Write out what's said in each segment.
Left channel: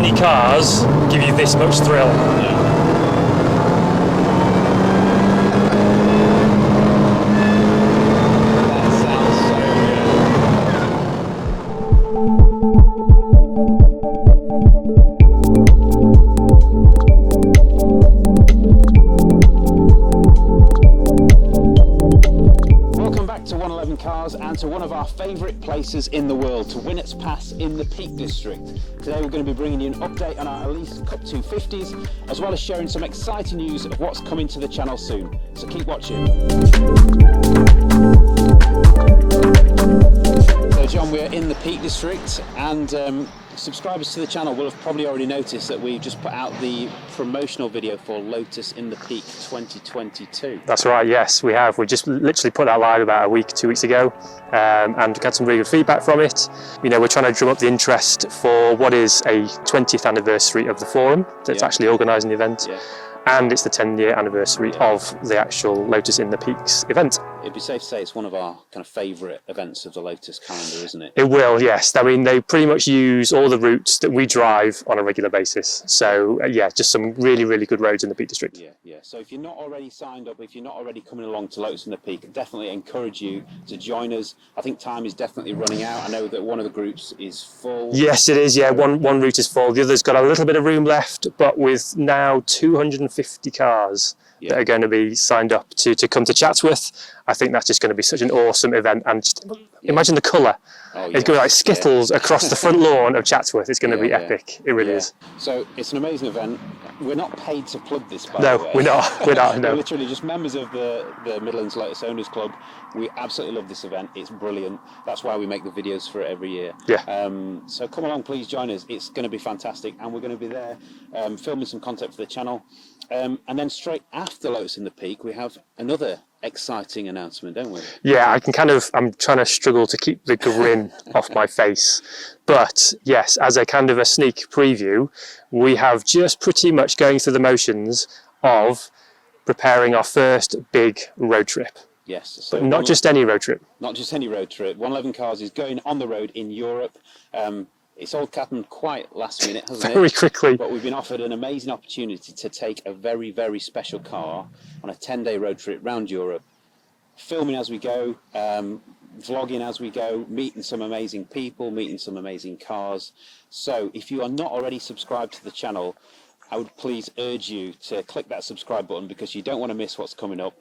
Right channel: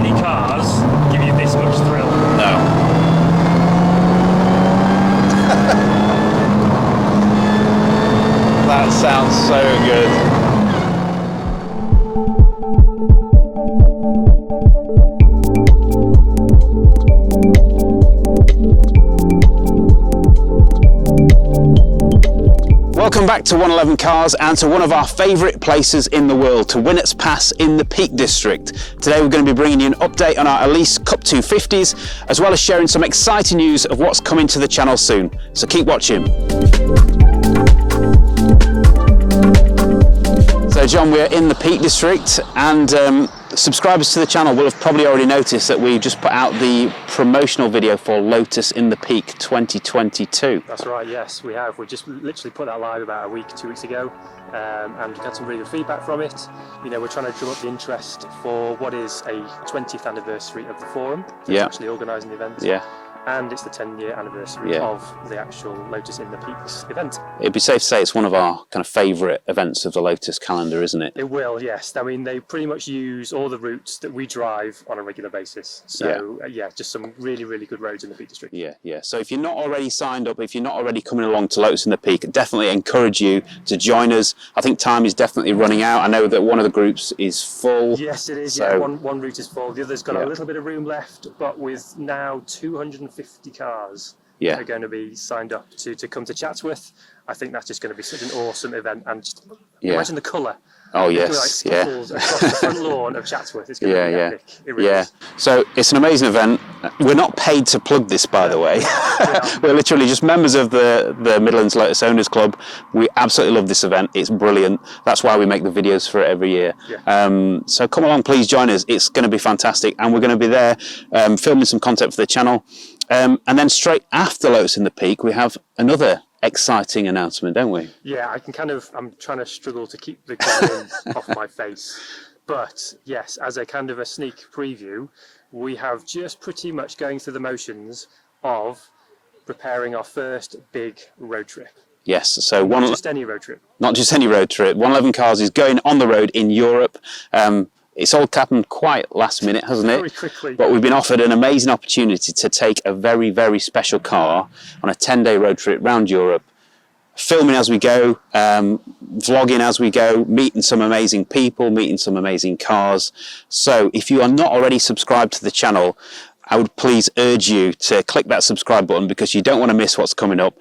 many cars give you this much thrill. No. That sounds so good. Welcome back to 111 Cars and to one of our favourite places in the world, to Winnats Pass in the Peak District. Today we're going to be bringing you an update on our Elise Cup 250s, as well as sharing some exciting news of what's coming to the channel soon. So keep watching. So John, we're in the Peak District, and subscribers to the channel will have probably already noticed that we just put out the promotional video for Lotus in the Peak 2022. That's right, yes, we have. We just literally put that live about a week, 2 weeks ago, and got some really good feedback from it. You know, we're trying to drum up the interest for what is a 20th anniversary of the forum. So it's actually organising the event. Yeah. And it's the 10-year anniversary of the actual Lotus in the Peaks event. It'd be safe to say it's one of our kind of favourite events of the Lotus calendar, isn't it? It will, yes. I mean, they pretty much use all the routes that we drive on a regular basis. So, yeah, just some really, really good roads in the Peak District. Yeah, yeah. So if you're not already signed up, if you're not already coming along to Lotus in the Peak, definitely encourage you to join us. I think time is definitely running out. I know that one of the groups is full. Yes, it is, yeah. So, one route is full. The other's got a little bit of room left, but with now 250 cars that are going to be signed up to come to Chatsworth. I think that's just going to be such an awesome event, and just imagine the colour. Oh, yes. It's going to be like skittles across the front lawn of Chatsworth. It's going to be epic. It really is. So it's an amazing event. We're not paid to plug this, by the way. We're not. We're literally just members of the Midlands Lotus Owners Club. We absolutely love this event. It's brilliant. That's why we make the videos for it every year. Yeah. So come along, please join us. It's going to be fantastic, and we're going to be there filming some content for the channel. And then straight after Lotus in the Peak, we have another exciting announcement, don't we? Yeah, I'm trying to struggle to keep the grin off my face. But yes, as a kind of a sneak preview, we have just pretty much going through the motions of preparing our first big road trip. Yes, so not just any road trip. Not just any road trip. 111 Cars is going on the road in Europe. It's all happened quite last minute, hasn't it? Very quickly. But we've been offered an amazing opportunity to take a very, very special car on a 10-day road trip around Europe, filming as we go, vlogging as we go, meeting some amazing people, meeting some amazing cars. So if you are not already subscribed to the channel, I would please urge you to click that subscribe button, because you don't want to miss what's coming up.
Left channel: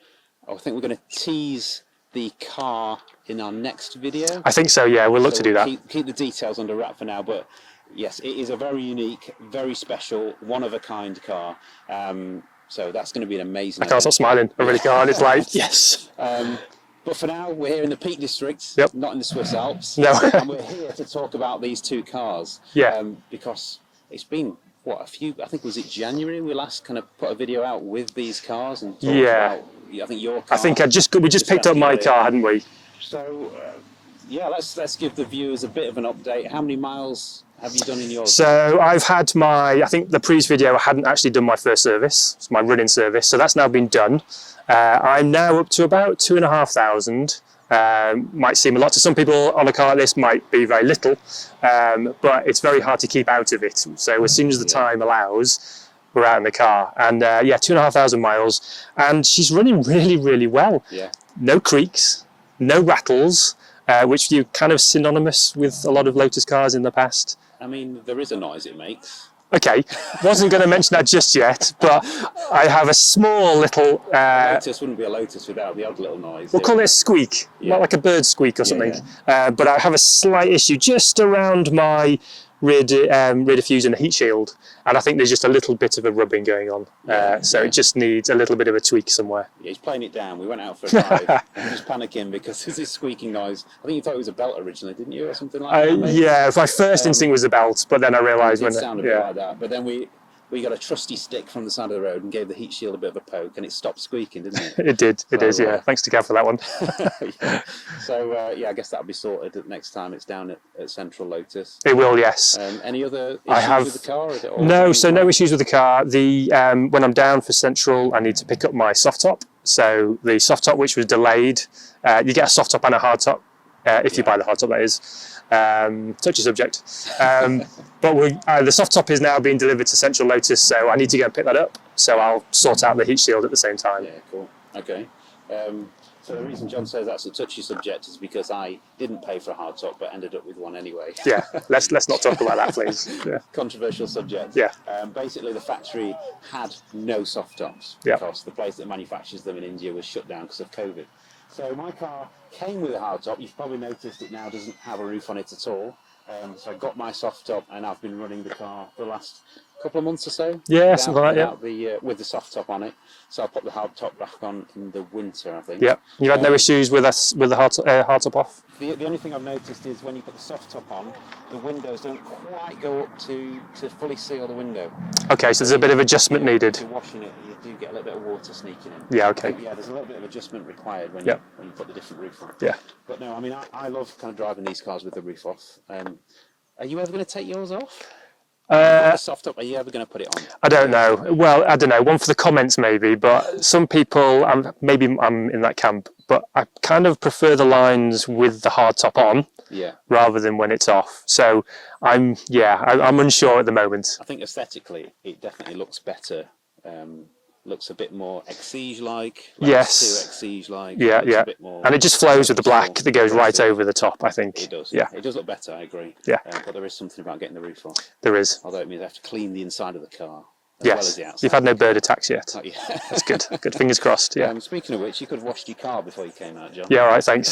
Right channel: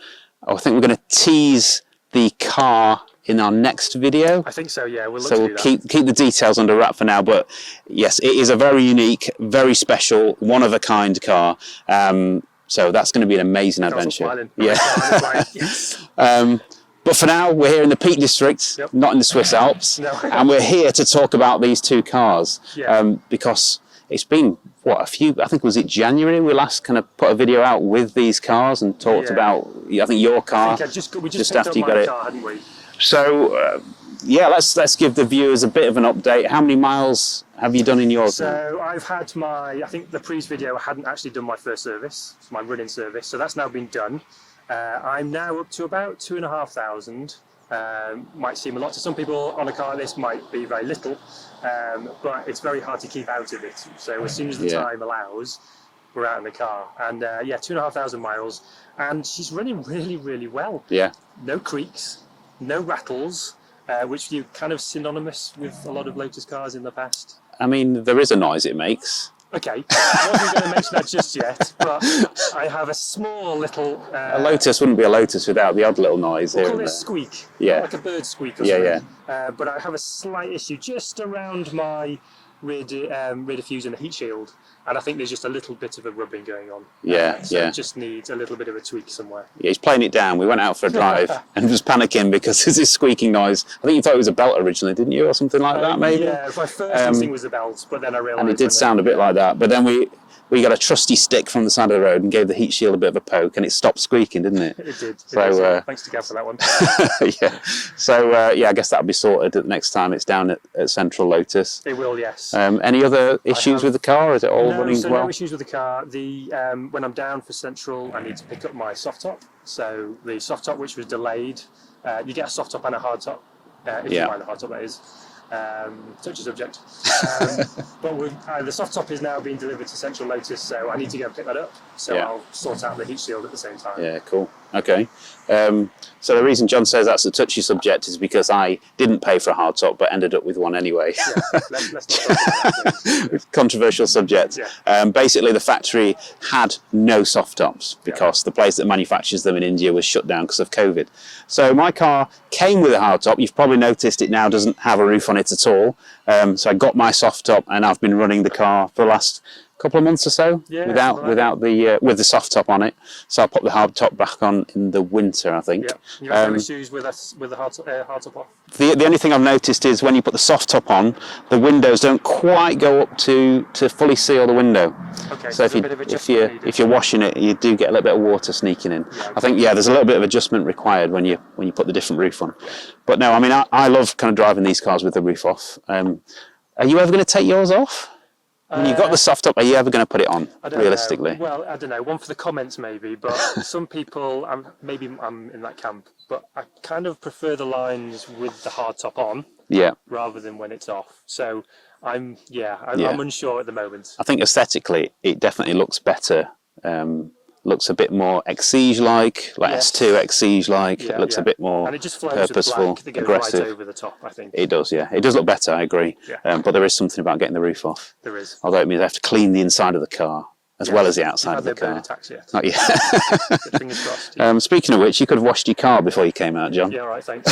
I think we're going to tease the car in our next video. I think so, yeah, we'll look to do that. Keep the details under wrap for now, but yes, it is a very unique, very special, one-of-a-kind car. So that's going to be an amazing adventure. I can't stop smiling. Yes. But for now, we're here in the Peak District, not in the Swiss Alps. No. And we're here to talk about these two cars. Yeah. Because it's been, what, I think, was it January we last kind of put a video out with these cars and talked about, I think, your car. I think we just picked up my car, hadn't we? So, yeah, let's give the viewers a bit of an update. How many miles have you done in yours? So I've had I think the previous video, I hadn't actually done my first service, it's my running service, so that's now been done. I'm now up to about 2,500. Might seem a lot to some people on a car like this, might be very little, but it's very hard to keep out of it. So as soon as the time allows, we're out in the car. And yeah, 2,500 miles, and she's running really, really well. Yeah. No creaks. No rattles, which you kind of synonymous with a lot of Lotus cars in the past. I mean, there is a noise it makes. Okay, wasn't going to mention that just yet, but I have a small little... a Lotus wouldn't be a Lotus without the odd little noise. We'll call it a squeak, like a bird squeak or something. Yeah. But I have a slight issue just around my rear diffuser and the heat shield, and I think there's just a little bit of a rubbing going on. So it just needs a little bit of a tweak somewhere. Yeah, he's playing it down. We went out for a drive and he was panicking because there's this squeaking noise. I think you thought it was a belt originally, didn't you, or something like that? Maybe. Yeah, my first instinct was a belt, but then I realised it did sound a bit like that. But then we got a trusty stick from the side of the road and gave the heat shield a bit of a poke, and it stopped squeaking, didn't it? It did. So, it did. Yeah. Thanks to Gav for that one. Yeah. So yeah, I guess that'll be sorted next time it's down at Central Lotus. It will, yes. Any other issues with the car? Is it all no issues with the car. When I'm down for Central, I need to pick up my soft top. So the soft top, which was delayed, you get a soft top and a hard top if you buy the hard top, that is. Touchy subject. But the soft top is now being delivered to Central Lotus, so I need to go and pick that up. So I'll sort out the heat shield at the same time. Yeah, cool. Okay. So the reason John says that's a touchy subject is because I didn't pay for a hard top, but ended up with one anyway. Yeah, let's not talk about that, please. Yeah. Controversial subject. Yeah. Basically, the factory had no soft tops because the place that manufactures them in India was shut down because of COVID. So my car came with a hard top. You've probably noticed it now doesn't have a roof on it at all. So I got my soft top, and I've been running the car for the last couple of months or so with the soft top on it. So I'll put the hard top back on in the winter, I think. Yeah. You had no issues with the hard top off? The only thing I've noticed is when you put the soft top on, the windows don't quite go up to fully seal the window. Okay, so there's a bit of adjustment needed. If you're washing it, you do get a little bit of water sneaking in. Yeah, okay. I think there's a little bit of adjustment required when you put the different roof on. Yeah. But no, I mean I love kind of driving these cars with the roof off. Are you ever going to take yours off? You've got the soft top. Are you ever going to put it on? I don't know. Well, I don't know. One for the comments maybe, but some people, maybe I'm in that camp, but I kind of prefer the lines with the hard top on, rather than when it's off. So I'm unsure at the moment. I think aesthetically, it definitely looks better. Looks a bit more Exige-like, S2 Exige-like. Yeah, it looks a bit more. And it just flows with the black that goes right over the top, I think. It does, yeah. It does look better, I agree. Yeah. But there is something about getting the roof off. There is. Although it means I have to clean the inside of the car as well as the outside. You've had no bird attacks yet. Not yet. That's good. Good. Fingers crossed. Yeah. Speaking of which, you could have washed your car before you came out, John. Yeah, all right, thanks.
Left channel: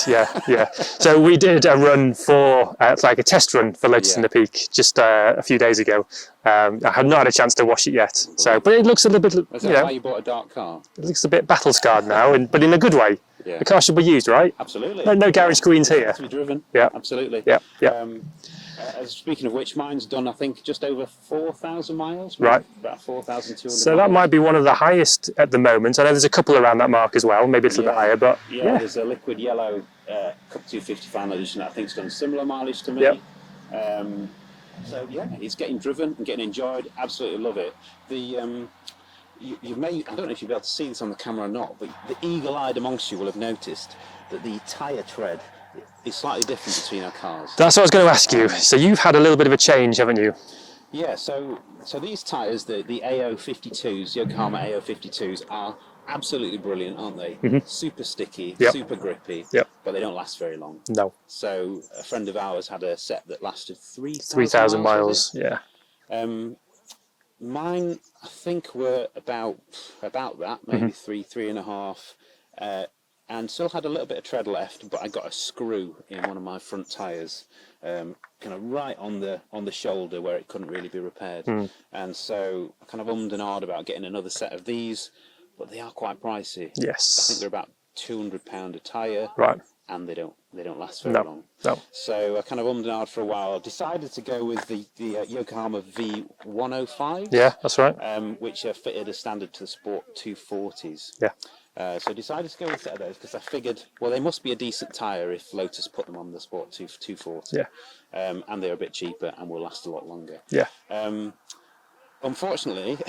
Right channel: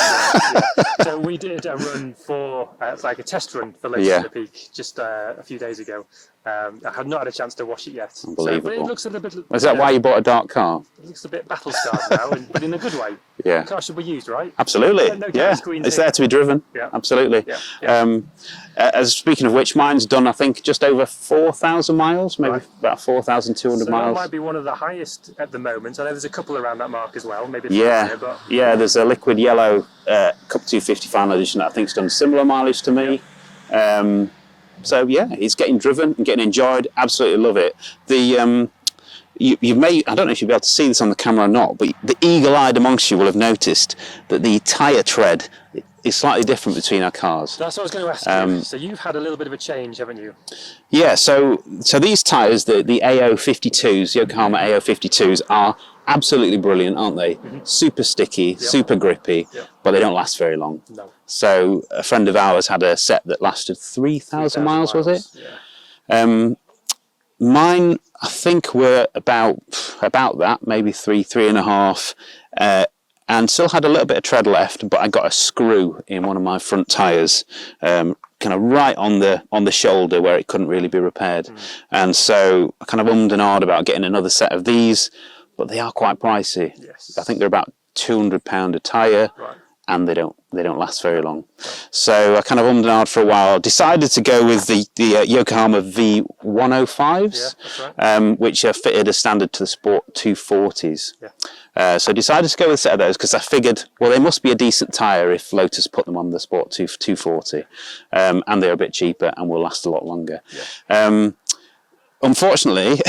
Yeah. So we did a run for, like a test run for Lotus in the Peak just a few days ago. I have not had a chance to wash it yet. So, but it looks a little bit... Is that why you bought a dark car? It looks a bit battle scarred now, but in a good way. Yeah. The car should be used, right? Absolutely. No garage screens It's here. there to be driven. Yeah. Absolutely. Yeah. Speaking of which, mine's done, I think, just over 4,000 miles, maybe about 4,200 miles. So that might be one of the highest at the moment. I know there's a couple around that mark as well. Maybe it's a bit higher, but... Yeah, there's a liquid yellow Cup 250 final edition that I think's done similar mileage to me. Yep. So yeah, it's getting driven and getting enjoyed. Absolutely love it. The you may, I don't know if you'll be able to see this on the camera or not, but the eagle-eyed amongst you will have noticed that the tyre tread is slightly different between our cars. That's what I was going to ask you. So you've had a little bit of a change, haven't you? Yeah, so these tyres, the AO52s, Yokohama AO52s, are absolutely brilliant, aren't they? Super sticky, super grippy, but they don't last very long. No. So a friend of ours had a set that lasted 3,000 miles, was it? Yeah. Mine, I think, were about that, maybe 3.5, and still had a little bit of tread left, but I got a screw in one of my front tyres, kind of right on the shoulder where it couldn't really be repaired. And so I kind of ummed and ahed about getting another set of these, but they are quite pricey. Yes. I think they're about £200 a tyre. Right. And they don't last very long. No. So I kind of ummed and ahed for a while. Decided to go with the Yokohama V105s. Yeah, that's right. Which are fitted as standard to the Sport 240s. Yeah. So decided to go with a set of those because I figured, well, they must be a decent tyre if Lotus put them on the Sport 240. Yeah. And they're a bit cheaper and will last a lot longer. Yeah. Unfortunately,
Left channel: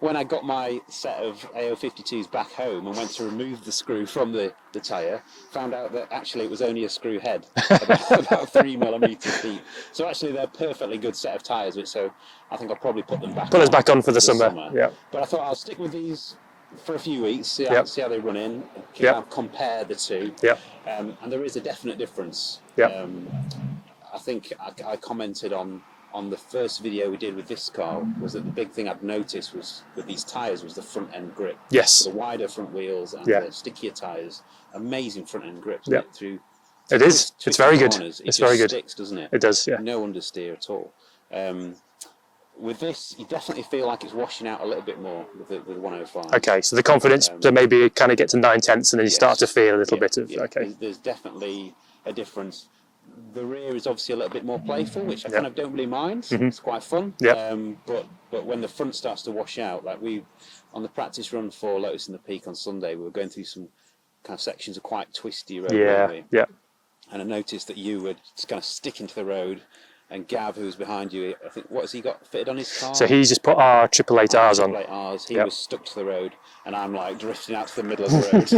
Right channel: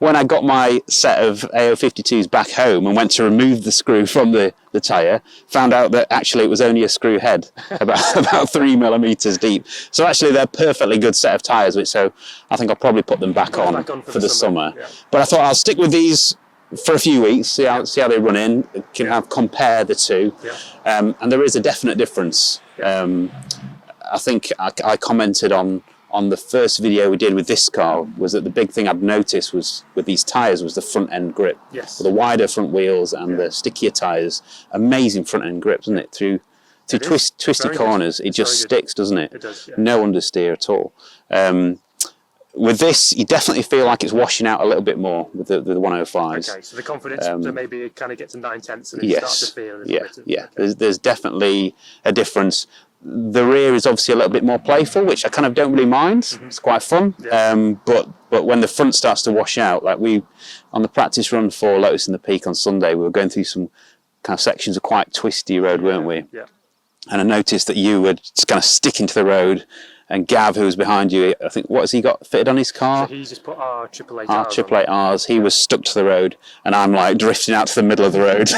when I got my set of AO52s back home and went to remove the screw from the tyre, found out that actually it was only a screw head, about 3 millimetres deep. So actually they're a perfectly good set of tyres, so I think I'll probably put them back on for the summer. Yeah. But I thought I'll stick with these for a few weeks, see how they run in, compare the two. Yeah. And there is a definite difference. Yeah. I think I commented on the first video we did with this car was that the big thing I'd noticed was with these tyres was the front end grip. Yes. So the wider front wheels and the stickier tyres, amazing front end grips, isn't it? Through twisty corners, it just sticks, doesn't it? It does, yeah. No understeer at all. With this, you definitely feel like it's washing out a little bit more with the 105s. Okay, so the confidence to maybe kind of get to 9/10 and then you start to feel a little bit of... Yeah, there's definitely a difference. The rear is obviously a little bit more playful, which I kind of don't really mind. It's quite fun. Yeah. But when the front starts to wash out, like on the practice run for Lotus in the Peak on Sunday, we were going through some kind of sections of quite twisty road, weren't we? Yeah. And I noticed that you were just kind of sticking to the road And Gav, who's behind you, I think, what has he got fitted on his car? So he's just put our 888Rs on. 888Rs. He was stuck to the road, and I'm like drifting out to the middle of the road.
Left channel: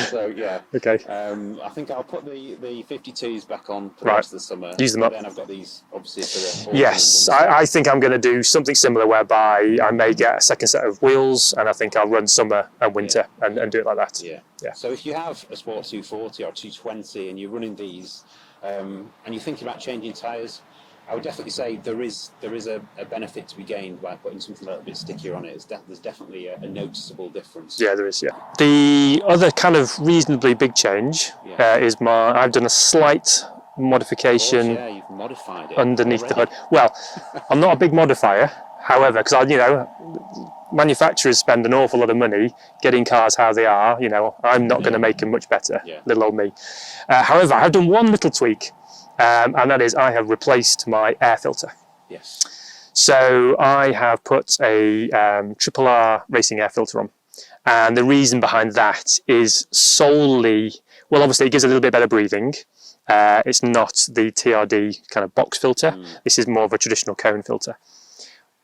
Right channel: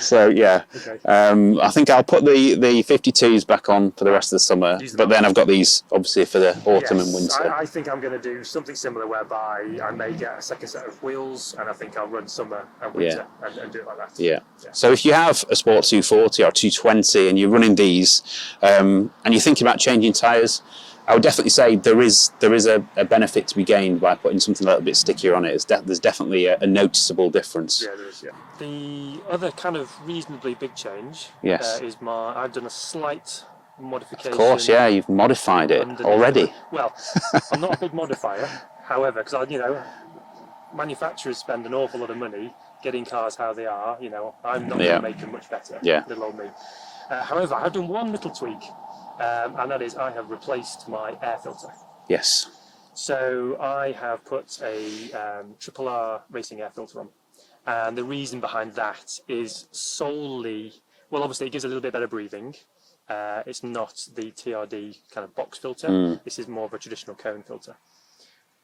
So yeah. Okay. I think I'll put the 52s back on for the rest of the summer. Use them but up. then I've got these obviously for the autumn Yes, and winter. I think I'm going to do something similar whereby I may get a second set of wheels, and I think I'll run summer and winter and do it like that. Yeah. So if you have a Sport 240 or 220 and you're running these, and you're thinking about changing tyres, I would definitely say there is a benefit to be gained by putting something a little bit stickier on it. There's definitely a noticeable difference. Yeah, there is. Yeah. The other kind of reasonably big change is I've done a slight modification. Of course, yeah, you've modified it underneath already. Well, I'm not a big modifier, however, because manufacturers spend an awful lot of money getting cars how they are. I'm not going to make them much better. Yeah. Little old me. However, I've done one little tweak. And that is I have replaced my air filter. Yes. So I have put a RRR racing air filter on. And the reason behind that is solely, well, obviously it gives a little bit better breathing. It's not the TRD kind of box filter. This is more of a traditional cone filter.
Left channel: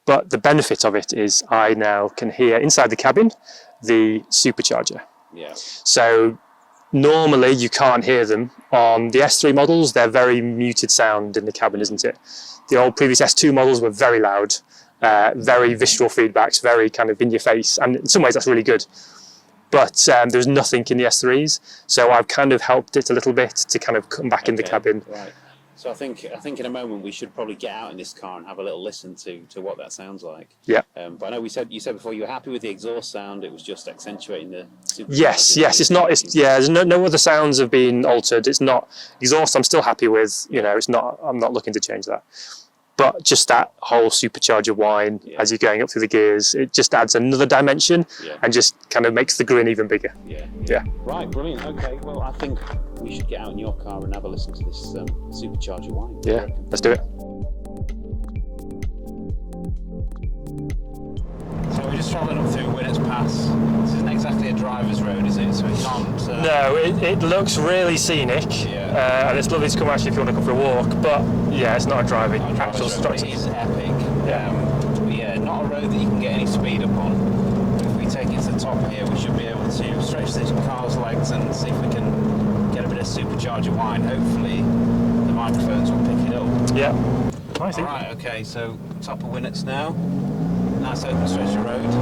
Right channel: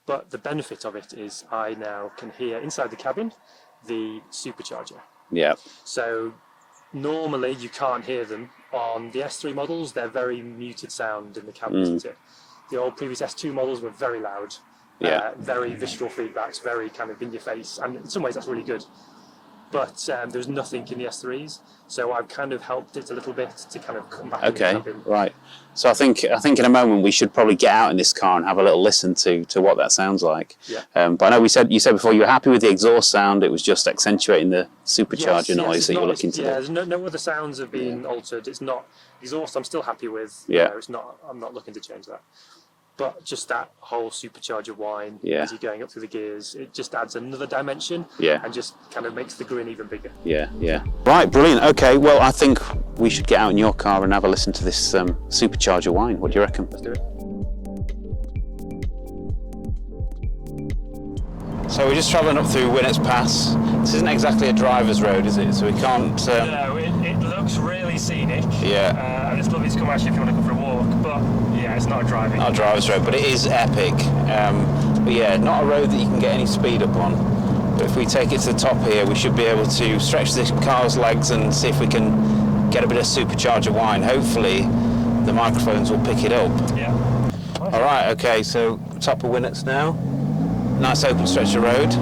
But the benefit of it is I now can hear inside the cabin the supercharger. Yeah. So normally you can't hear them on the S3 models. They're very muted sound in the cabin, isn't it? The old previous S2 models were very loud, very visceral feedbacks, very kind of in your face, and in some ways that's really good. But there's nothing in the S3s, so I've kind of helped it a little bit to kind of come back in the cabin. Right. So I think in a moment we should probably get out in this car and have a little listen to what that sounds like. Yeah. But I know you said before you were happy with the exhaust sound. It was just accentuating the supercharger. Yes. It's not. There's no other sounds have been altered. It's not exhaust. I'm still happy with. It's not. I'm not looking to change that. But just that whole supercharger whine as you're going up through the gears, it just adds another dimension and just kind of makes the grin even bigger. Yeah. Right, brilliant. Okay, well, I think we should get out in your car and have a listen to this supercharger whine. What do you reckon? Let's do it. So we're just travelling up through Winnats Pass. This isn't exactly a driver's road, is it? So we can't... No, it looks really scenic. Yeah. And it's lovely to come actually if you want to go for a walk. But yeah, it's not a driver's road, but it is epic. But yeah, not a road that you can get any speed up on. But if we take it to the top here, we should be able to stretch this car's legs and see if we can get a bit of supercharger whine. Hopefully, the microphones will pick it up. Yeah. All right, okay, so top of Winnats now. Nice open stretch of road. Okay.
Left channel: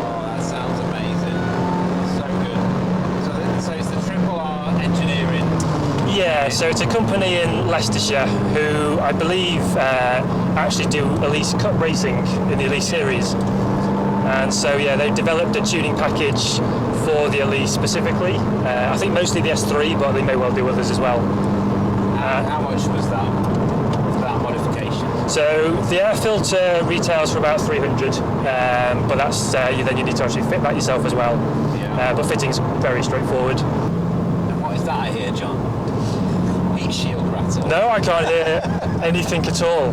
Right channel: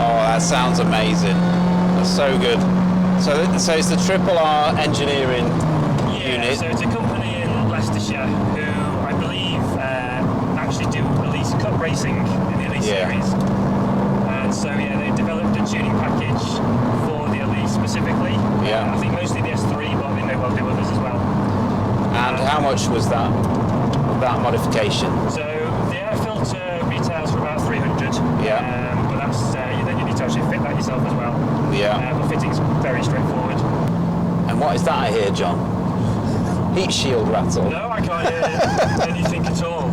Oh, that sounds amazing. That's so good. So it's the RRR Engineering. Yeah, so it's a company in Leicestershire who I believe actually do Elise Cup racing in the Elise series. And so they developed a tuning package for the Elise specifically. I think mostly the S3, but they may well do others as well. And how much was that modification? So the air filter retails for about 300, but that's then you need to actually fit that yourself as well. But fitting's very straightforward. And what is that I hear, John? Heat shield rattle? No, I can't hear anything at all.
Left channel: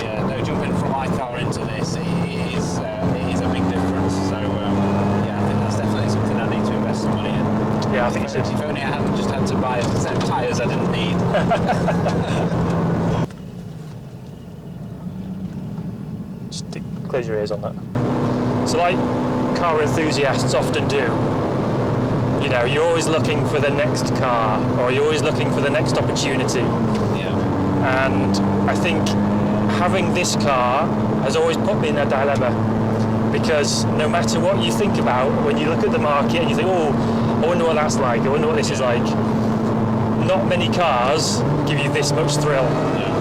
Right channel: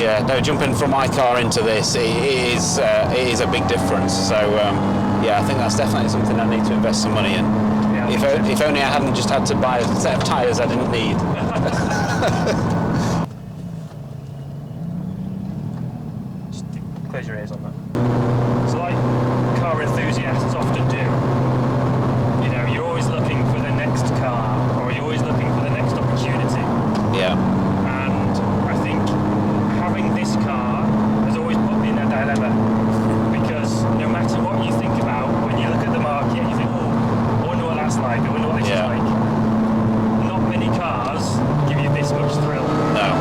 Yeah, no, jumping from my car into this, it is a big difference. So I think that's definitely something I need to invest some money in. Yeah, if only I hadn't just had to buy a set of tyres I didn't need. Just close your ears on that. So like car enthusiasts often do, you're always looking for the next car, or you're always looking for the next opportunity. Yeah. And I think having this car has always put me in a dilemma, because no matter what you think about, when you look at the market and you think, oh, I wonder what that's like, I wonder what this is like, not many cars give you this much thrill. No.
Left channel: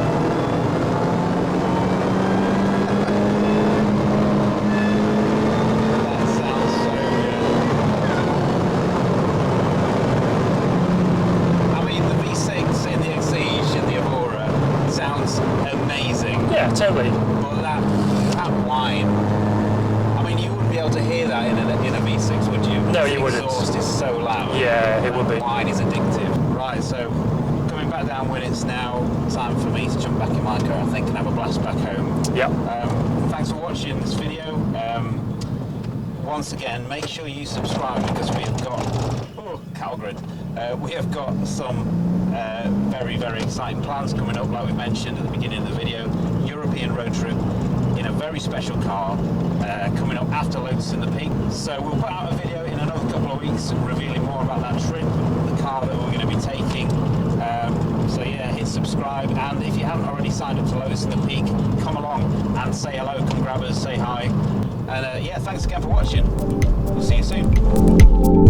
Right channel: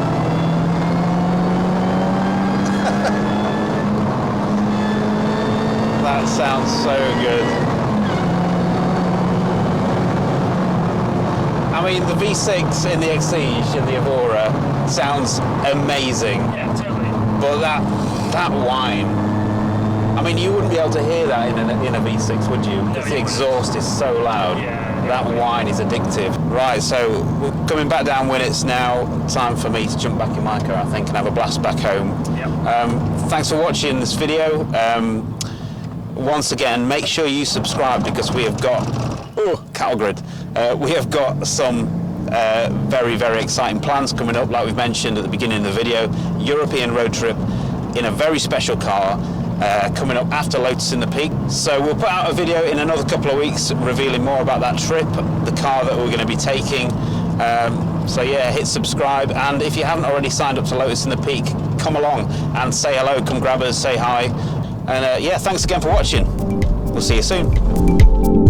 That sounds so good. I mean, the V6 in the Exige and the Aurora sounds amazing. Yeah, totally. But that whine, I mean, you wouldn't be able to hear that in a V6, would you? No, the exhaust is so loud. Yeah, that whine is addictive. Right, so we're coming back down Winnats now. Time for me to jump back in my car, I think, and have a blast back home. Yeah. Thanks for watching this video. once again, make sure you subscribe because we have got, cattle grid, we have got some very, very exciting plans coming up, like we've mentioned at the beginning of the video. European road trip in a very special car coming up after Lotus in the Peak. So we'll put out a video in another couple of weeks revealing more about that trip, the car that we're going to be taking. So yeah, hit subscribe, and if you haven't already signed up to Lotus in the Peak, come along and say hello, come grab us, say hi, and yeah, thanks again for watching. We'll see you soon.